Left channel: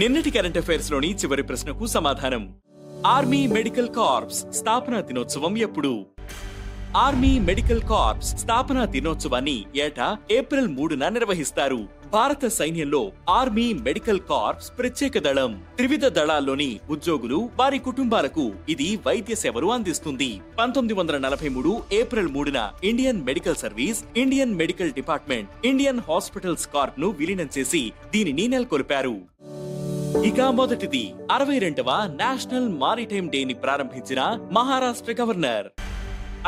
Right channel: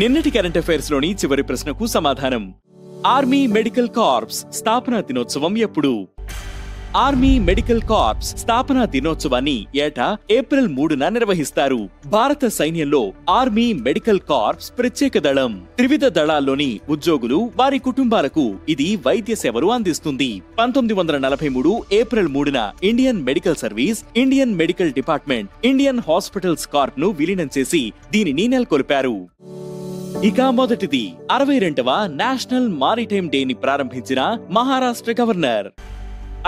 నిన్నటి current affairs లోని చివరి ప్రశ్నకు సమాధానం. ఆర్మీ మెడికల్ కార్ప్స్ స్థాపనా దినోత్సవం ఎప్పుడు? ఆర్మీ మెడికల్ కార్ప్స్ స్థాపనా దినోత్సవాన్ని ఏటా ఏప్రిల్ 3న నిర్వహిస్తారు. భారత సైన్యంలో ఆర్మీ మెడికల్ కార్ప్స్ ప్రత్యేక దళం. త్రివిధ దళాల్లోని ఉద్యోగులు, వారి కుటుంబాలకు ఇది వైద్య సేవలు అందిస్తుంది. 1943 ఏప్రిల్ 3న Indian Medical Service, Indian Medical Department, Indian Hospitals Corps ను విలీనం చేసి దీనిని నెలకొల్పారు. ఇక మొదటిది 62వ నేషనల్ మారిటైమ్ డేని ప్రారంభించిన మహారాష్ట్ర గవర్నర్.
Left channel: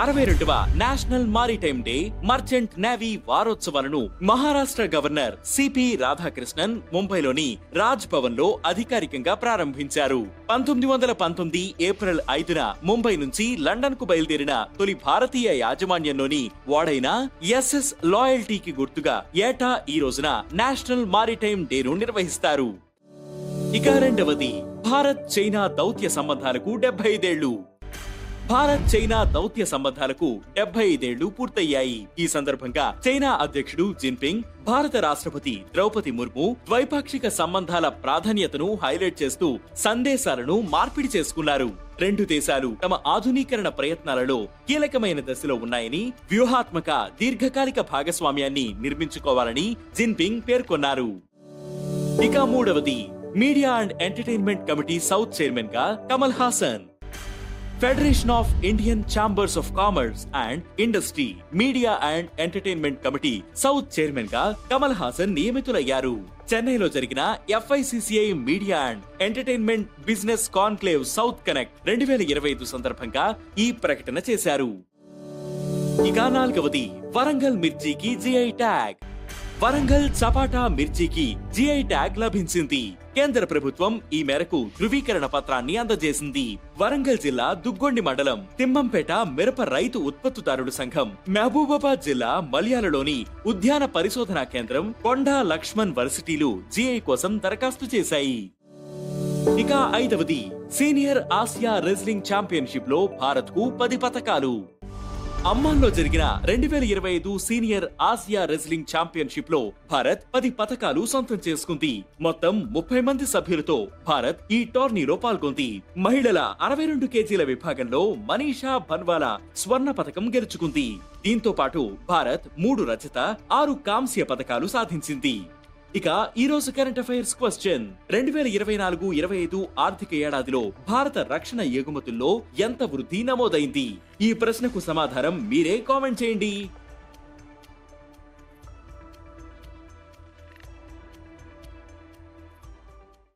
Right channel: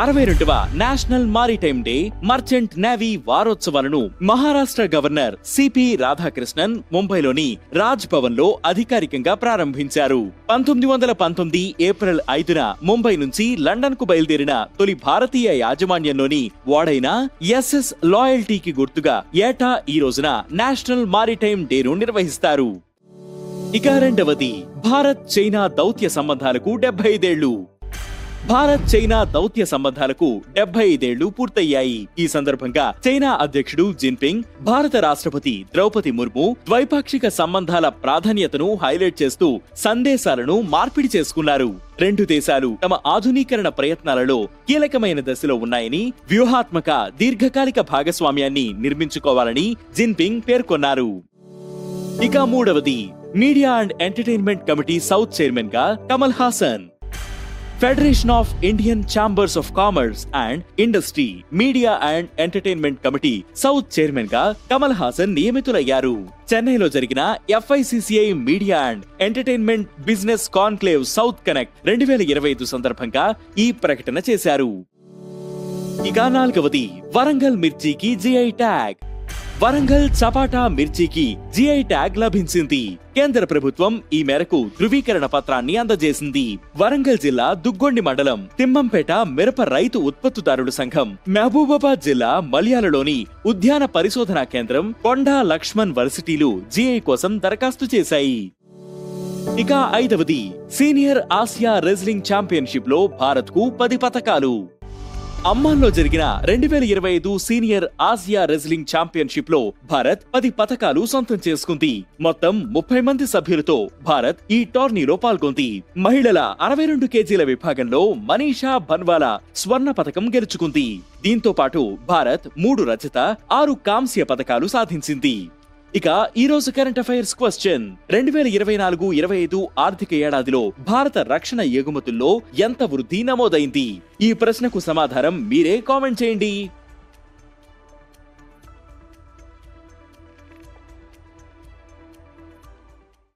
62వ National Maritime Day Merchant Navy వారోత్సవాలను మహారాష్ట్ర గవర్నర్ సిపి రాధాకృష్ణన్ ముంబైలోని రాజ్ భవన్ లో అధికారికంగా ప్రారంభించారు. 1919 ఏప్రిల్ 5న ముంబై నుంచి లండన్ కు బయలుదేరిన తొలి భారతీయ యాజమాన్యంలోని ఓడైన ఎస్ఎస్ లాయల్టీకి గుర్తుగా ఏటా ఈ రోజున నేషనల్ మారిటైమ్ డేను నిర్వహిస్తారు. ఇక రెండవది భారత్ చైనా దౌత్య సంబంధాలకు 75 ఏళ్లు. భారత్ చైనా దౌత్య సంబంధాలకు 75 ఏళ్లు పూర్తయ్యాయి. ఈ సందర్భంగా చైనా అధ్యక్షుడు జిన్పింగ్, భారత రాష్ట్రపతి ద్రౌపది ముర్ము ద్వైపాక్షిక సంబంధాల ప్రాధాన్యతను హైలైట్ చేస్తూ సందేశాలను మార్పిడి చేసుకున్నారు. రెండు దేశాలు తమ ఆధునీకరణ ప్రయత్నాలలో కీలకమైన దశలో ఉన్నాయని, వ్యూహాత్మక దీర్ఘకాలిక భాగస్వామ్యాన్ని నిర్మించుకోవాలని జిన్పింగ్ పేర్కొన్నారు. ఇక మూడవది media and entertainment committee south chairman గా Kamal Haasan. Federation of Indian Chambers of Commerce and Industry media and entertainment committee south chairman గా కమల్ హాసన్ నియమితులయ్యారు. చెన్నైలో జరిగిన FICCI media and entertainment business conclave south connect 2025 సందర్భంగా ఈ ప్రకటన చేశారు. ఇక నాలుగవది వరంగల్ మిర్చికి GI ట్యాగ్. వరంగల్ చపాటా మిర్చికి GI ట్యాగ్ లభించింది. కేంద్ర ప్రభుత్వం ఈ మేరకు ధృవీకరణ పత్రాన్ని అందజేసింది. వరంగల్ జిల్లా దుగ్గొండి మండలం తిమ్మంపేట మిరప రైతు ఉత్పత్తిదారుల సంఘం, మహబూబాబాద్ జిల్లా మల్యాలలోని ఉద్యాన పరిశోధనా కేంద్రం, కొండా లక్ష్మణ్ వర్సిటీలు GI కోసం దరఖాస్తు చేశాయి. ఇక ఐదవది సీనియర్ ఆసియా రెజ్లింగ్ ఛాంపియన్షిప్ లో భారత్ కు 10 పతకాలు. అమ్మాన్లో జరిగిన 2025 సీనియర్ ఆసియా రెజ్లింగ్ ఛాంపియన్షిప్ లో భారత్ 10 పతకాలు సొంతం చేసుకుంది. మొత్తం 30 మంది సభ్యులతో భారత్ ఈ టోర్నీలో పాల్గొంది. మహిళల 62 కేజీల విభాగంలో మనీషా బన్వాలా స్వర్ణ పతకం గెలుచుకుంది. దీంతో పాటు భారత్ 3 రజత, 6 కాంస్య పతకాలు సాధించింది. ఇక ఈ రోజు కరెంట్ అఫైర్స్ క్వశ్చన్: 2024-25 ఆర్థిక ఏడాదిలో భారత రక్షణ ఎగుమతుల్లో ఎంత వృద్ధి నమోదైంది? ఈ ప్రశ్నకు సమాధానం మీరే కామెంట్ చేయండి.